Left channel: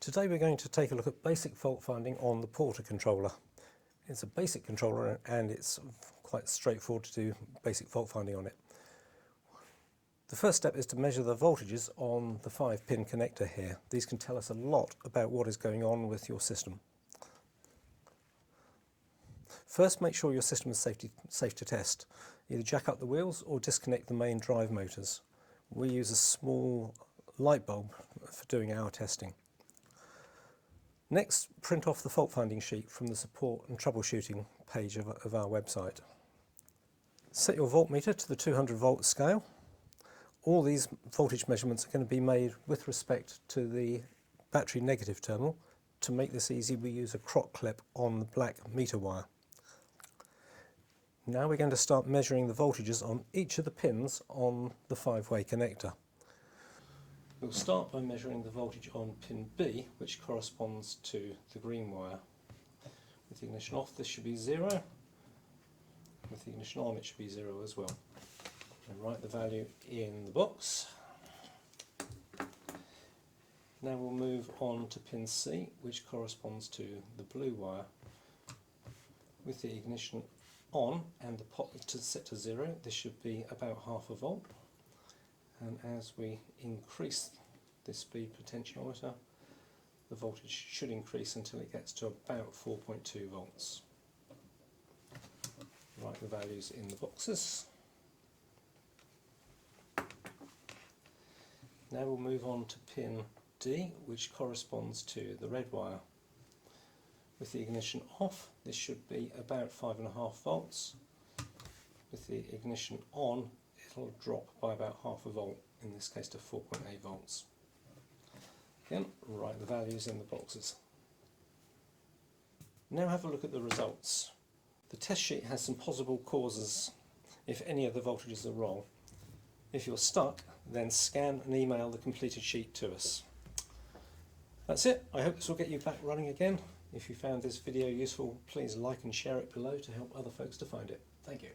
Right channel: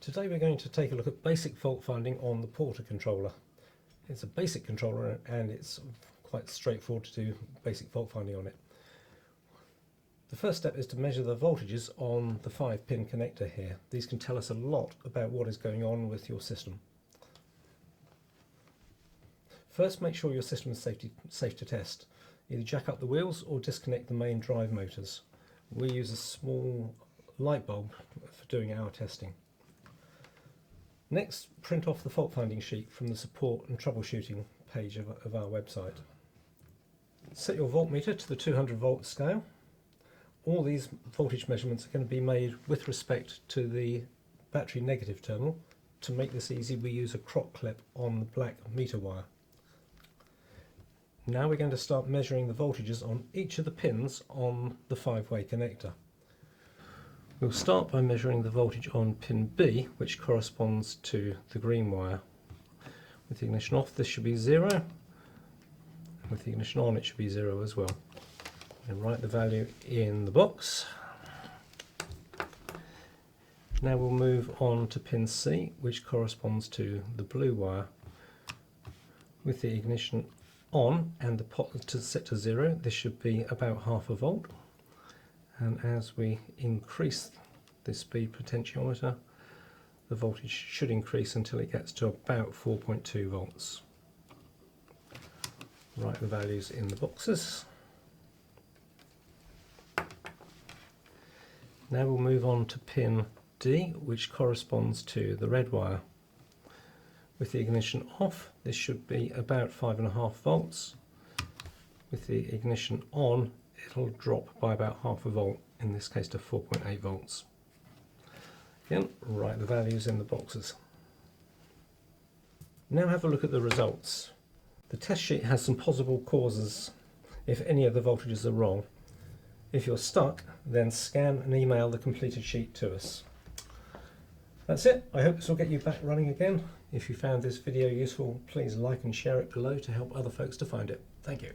Today we're going to take a look at basic fault finding on the Porter controller. It's a basic controller and it's quite straightforward to do basic fault finding on it. The first step is to measure the voltages on the 5-pin connector here. These can tell us a lot about what is going on with your system. First, make sure your system is safe to test. Either jack up the wheels or disconnect the main drive motors. We use a small light bulb for doing our testing. Next, print off the fault finding sheet from the support and troubleshooting page of our website. Set your voltmeter to the 200 volt scale. All these voltage measurements are going to be made with respect to the battery negative terminal. To make this easy, we use a crock clip on the black meter wire. Now we're going to start measuring the voltages on each of the pins on the 5-way connector. We'll start by measuring the voltage on pin B, which corresponds to the green wire. With the ignition off, this should be 0. With the ignition on, it should be 0 as well. And write the value in the box. Now we'll move on to pin C, which corresponds to the blue wire. With the ignition on and the pot set to 0, this should be about half a volt. And as we increase the speed potentiometer, the voltage should increase until it gets to about 4.2 volts. Write the values in the boxes. Now we'll move on to pin D, which corresponds to the red wire. With the ignition off, this should be about 5.5 volts. With the ignition on, it'll drop by about half a volt, in this case to 4.8 volts. Again, write the values in the boxes. Now have a look at the results. The test sheet has some possible causes if any of the voltages are wrong. If you're stuck, then scan and email the completed sheet to us. That's it. I hope this will get you back running again. If you found this video useful, please like and share it below to help other folks to find it. Thank you.